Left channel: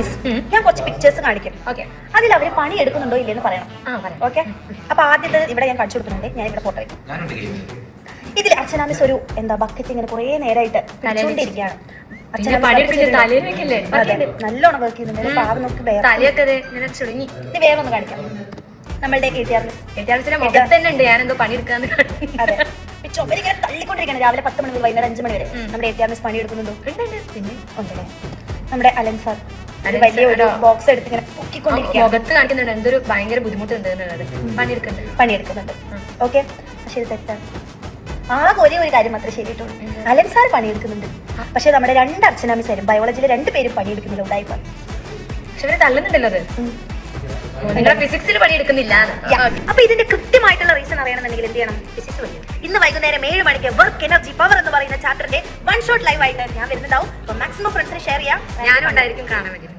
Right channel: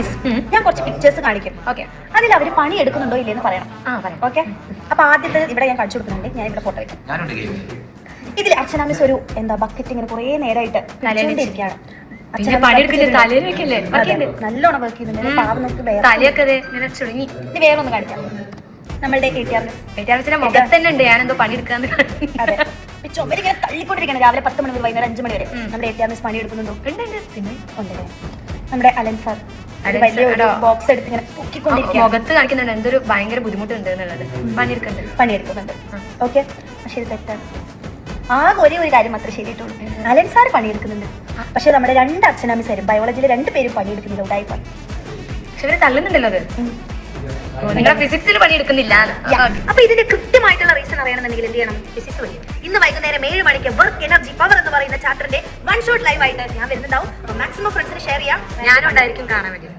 Miss ഞാൻ കുറച്ച് pictures കാണിക്കും. ഓക്കെ, അതിൽ അവര് പണി എടുക്കുന്നുണ്ടോ ഇല്ലെന്ന് പറയണം. ഓക്കെ, അപ്പൊ ആദ്യത്തെ ഇവിടെ ഞാൻ കാണിച്ചു കൊടുക്കുന്നുണ്ട്. ഞാൻ ഇവിടെ ഫോട്ടോ വെക്കാം. ഇതിൽ അർച്ചന മിസ് ഒരു എന്താ ബക്കറ്റ് ഇങ്ങനെ കുറെ നേരമായിട്ട് നനഞ്ഞോണ്ടിരിക്കുകയാണ്. നല്ലോണം വർക്ക് ചെയ്യുന്നുണ്ട്. പാവങ്ങൾക്ക് ഇത് വേറെ ഒന്ന് കാണിക്കാം. നമ്മളുടെ അതെ, ചുമരിങ്ങനെ തള്ളിക്കൊണ്ടിരിക്കണം. രാവിലെ 10 മണി മുതൽ വൈകുന്നേരം 5 മണി വരെ നമ്മുടെ ATR മിസ് പണി എടുക്കുന്നുണ്ടോ? നമ്മുടെ അലൻ സാർ വലിയ ഒരു ബോക്സ് എടുത്ത് ഇങ്ങനെ പൊക്കിക്കൊണ്ടിരിക്കുകയാണ്. എന്തൊരു ഭയങ്കര ബുദ്ധിമുട്ടുണ്ട് പണിയെടുക്കുന്നുണ്ട്. ഓക്കെ, പക്ഷെ ഇത് തെറ്റാണ്. ആ ഒരു കാര്യം മാത്രമേ ശരിയിട്ടുള്ളൂ. അലൻ സാർ പണിയെടുക്കുന്നുണ്ട്, പക്ഷെ നമ്മുടെ 2 അർച്ചന മിസ്സും ബയോളജിയിൽ 2 പേരും പണിയെടുക്കുന്നത് ഉണ്ടായിപ്പോൾ. പക്ഷെ ഇവര് തള്ളുന്നുണ്ടല്ലോ. ഫിസിക്സിൽ പണിയെടുക്കുന്നില്ല. അപ്പൊ ഇതിന്റെ കൃത്യമായിട്ടുള്ള റീസൺ അറിയണമെന്നുണ്ടെങ്കിൽ എന്ത് ചെയ്യണം? ഫിസിക്സ് പഠിക്കും. ഇന്ന് വൈകുന്നേരം 7 മണിക്ക് വർക്ക് എനർജി പവർ എന്ന് പറയുന്ന ചാപ്റ്ററിന്റെ 1 ഷോട്ട് ലൈവ് ആയിട്ട് ഞാൻ വരുന്നുണ്ടാവും. മാക്സിമം ഫ്രണ്ട്സിന് ഷെയർ ചെയ്യാം. ഞാനും ഉണ്ടായിരിക്കും കാണാൻ വേണ്ടി.